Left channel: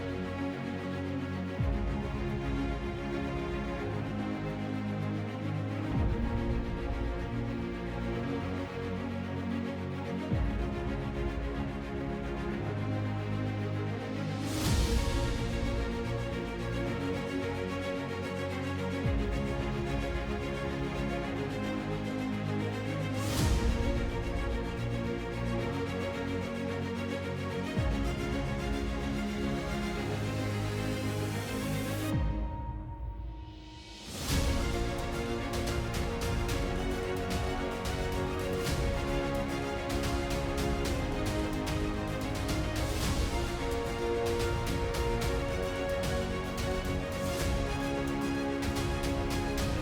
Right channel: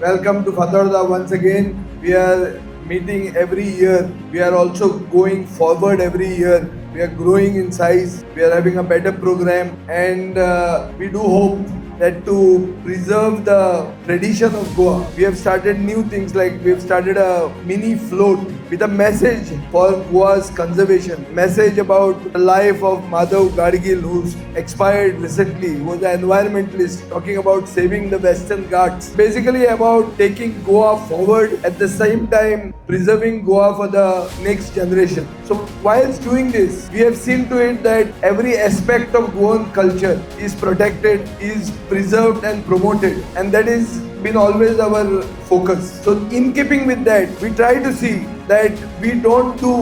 Welcome to Fatarda once again. We are meeting every year. We are also going forward every year. We are growing in size. We are having a better program, and we do hope that to preserve the tradition of Goa, we have started new things like we have started a mini float with a message for Goa's conservation, message about the life of Madhav Gadgil, who's expired recently, who was an environmentalist talking about saving the Western Ghats, basically about taking Goa forward at the same time preserving Goa for the next generation. So whilst doing this, we have seen to it that every aspect of Goan culture is protected, is preserved and promoted, and that is been always our focus. So in keeping with that, we try to see that we don't do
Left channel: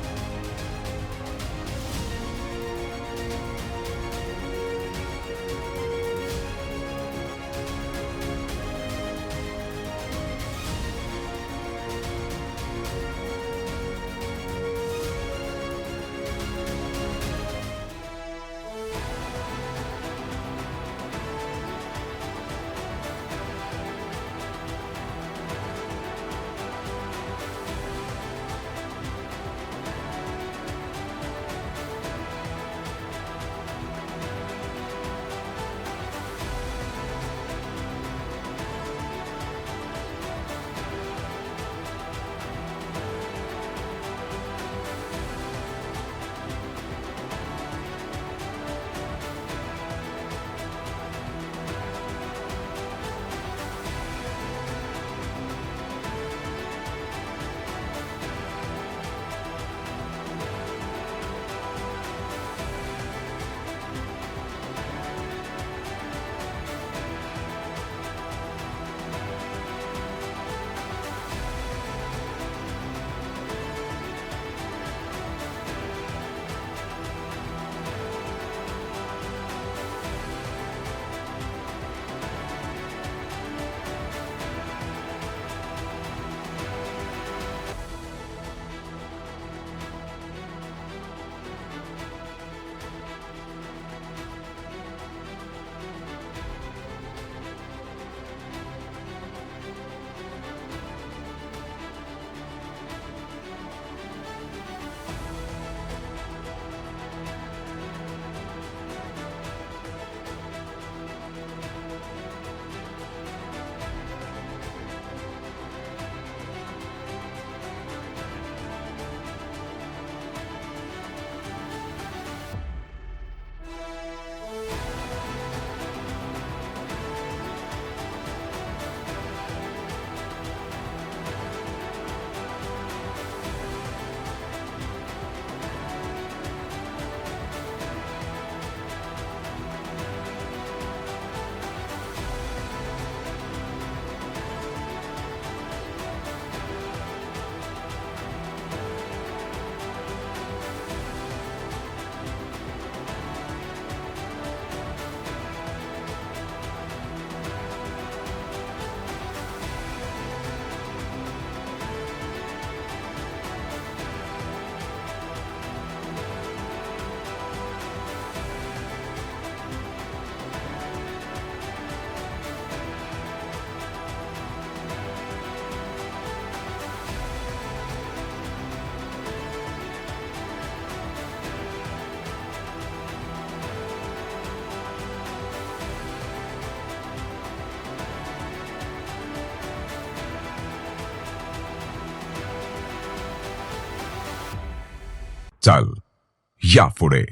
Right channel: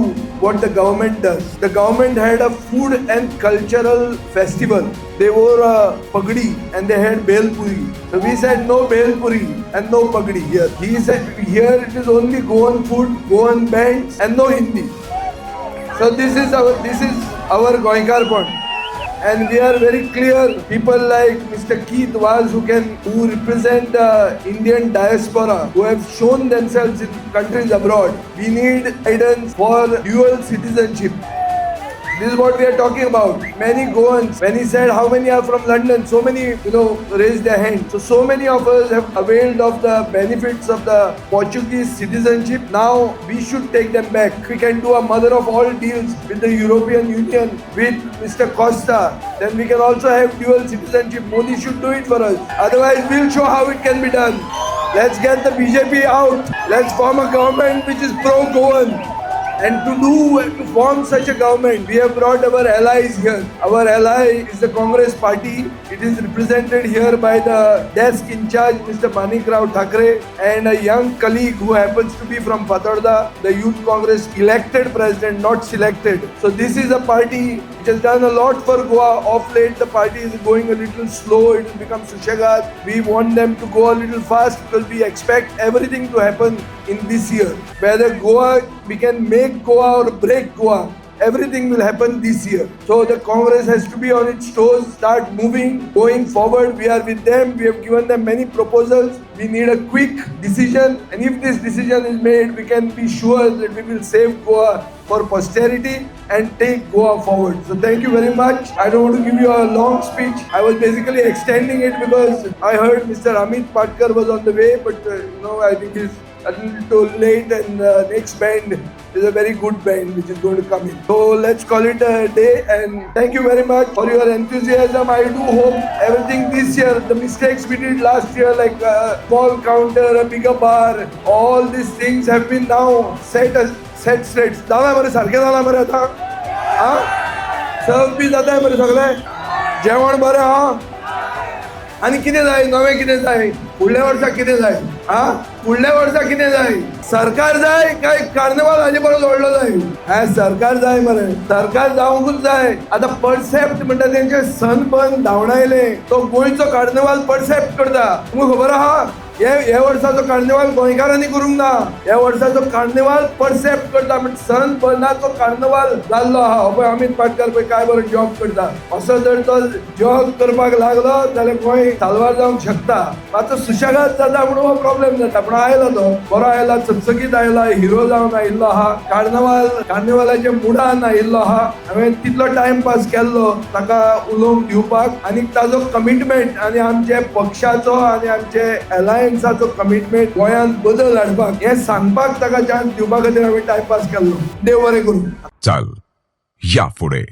what the government does. The government had a food and cultural festival. They wore a pagdi and they had bel puri. So we said no bel puri and no pagdi here. He said here it is only Goan food, Goan bands and no Hindi. So this is our Goinkar point. And we are very clear, people like Mr. Keith Vaz who represent the Indian diaspora, who have shown themselves in countries abroad. We need guidance for dual citizenship. This is what we are talking about. Many Goans, when he said how many are from London, so many, raised their hand. So many of us have availed of the benefits of the Portuguese citizenship. Now we should take them back. We can do a mother of all deals with the European Union, with Mr. Costa. Then we can also have dual citizenship. Modi should do it for us. Otherwise, we'll show how it can be done. Let's get the BJP out. Let's form a government which is pro-Goan. And to form such a government, we have brought our allies here. Our ally is the Congress party. It is represented here by the desk in charge, Mr. Manikrao Thakre, and a young colleague who happens to be from Fatarda, the Youth Congress elected president, not selected. So this is a party which has done a lot for Goa. Of late, the party is going a little slow. It will become Sushagat. We want them to go a little fast because we expect everything to happen in this year. Whether Goa, we can make Goa or break Goa. Everything will happen this year. So the Congress has to be on its toes, start moving, going forward. We are with them. We have given them many proposals. We need a quick decision. And if this decision is made, we can be sure that we will save Goa for posterity and take Goa forward. So thank you very much. I don't want to give you a long speech. I was basically extending it because I heard Mr. Amit Patkar was on the way, but I think he's a little too late, and next band is a very good band which is going to come in. So let's call it a day, and thank you very much for your enthusiasm. I do hope everything this year, the mistakes we did last year like a small counter, a bigger bar, all these things have been now set straight. जाला मरे सारखे जाला मरे आता सर्व B जाता मरे सगळे जेवण बरें आनी कितें जाय नवें कितें जाय फुडल्या वर्सा कितें जाय फुडल्या वर्सा कितें जाय सरकार जाय काय कार्निवाल हाजे परस व्हडलो जाय सरकार जाय मरे सरकार जावंकूच जाय आतां परसेप्ट म्हणटा तेंचे सनबर्न धांवडायले तो गोंयचो कार्निवाल परसेप्ट करता तुमकां खबर आहा हे वर्साचो कार्निवाल गोंयकारांनी करूंक ना हे वर्साचो कार्निवाल परसेप्ट करता म्हणजे सनबर्नाचो कार्निवाल जाल्लो आहा पळय अमित पाटकर पळय काय बरो जॉब करता असो जर तो जॉब करपाक लागलो जाल्यार गोंय साल्वार जावंक शकता मातसो सुशेगाद जाता म्हणून हो प्रॉब्लेम जाता पण आयलो तो बरो आयला चकचकीत आयला हिरो जावन आयिल्लो आहा कार्निवालाच्या मुडान आयिल्लो आहा हांवें तितलो टायम पास केल्लो ताका उलोवंक दिवपाक आनी ताजो कमिटमेंट आनी आमचे पक्षाचो आनी आमचे अलायन्साचो कमिटमेंट गोंयांत बदल हाडपाक हें सांगपाक ताका चान्स दिवपा खातीर हांवें टायम पास केल्लो देव बरें करूं चल या पुढे